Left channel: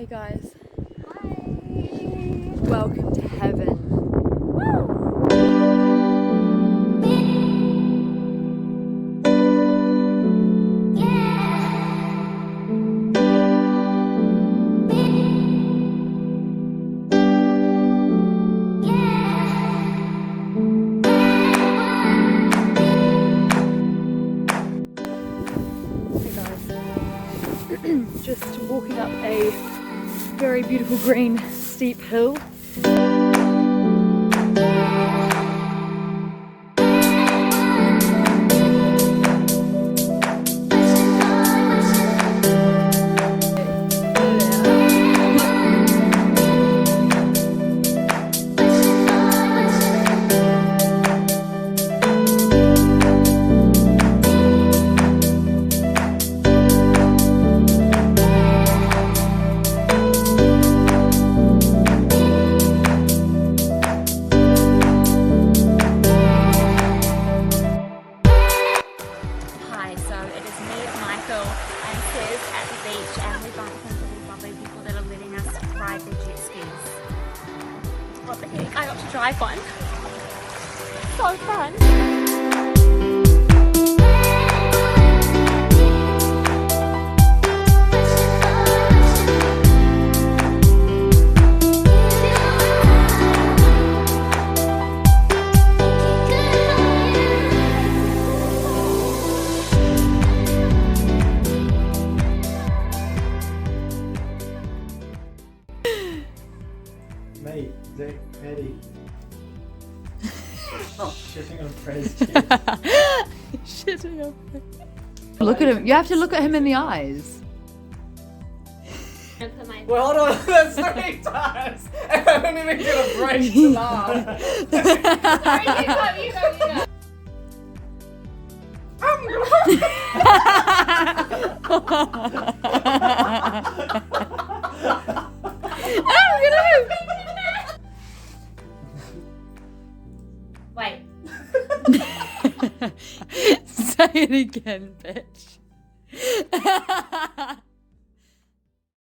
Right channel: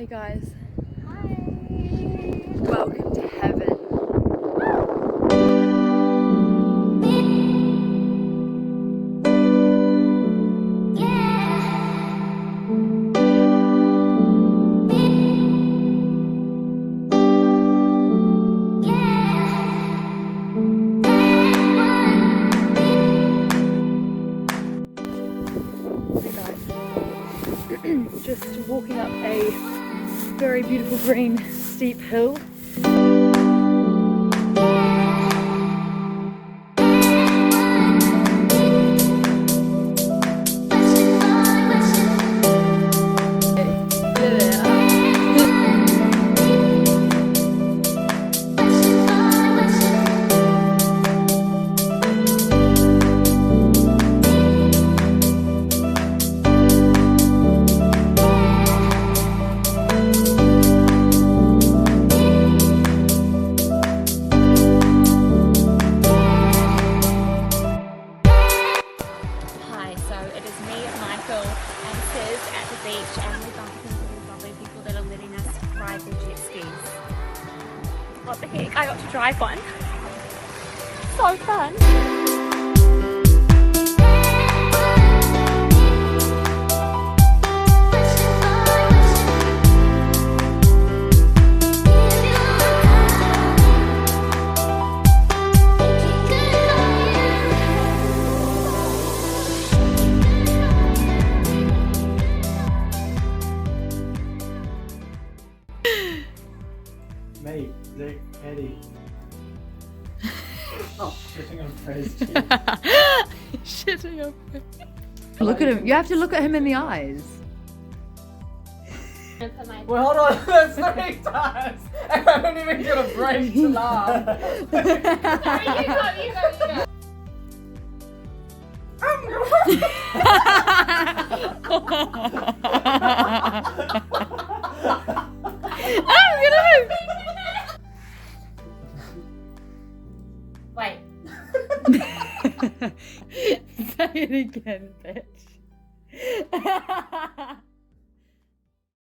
Hey guys, Hi. welcome to heaven. Just walking up a very beautiful green steep hill. So it is me, Michael, and Sis at the beach, and we're bumping into these lovely people that are letting us ride their jet skis. What the heck? I got to drive one. So fun. Mate, Zach, Eddie. Shitting on Fred's cheek. Shitting on me. Look at him. You have to look at him in the eyes. Well, hold on. That's 3 times. I haven't even got a break to laugh. Sorry, you go. Wait. Say it again, bitch.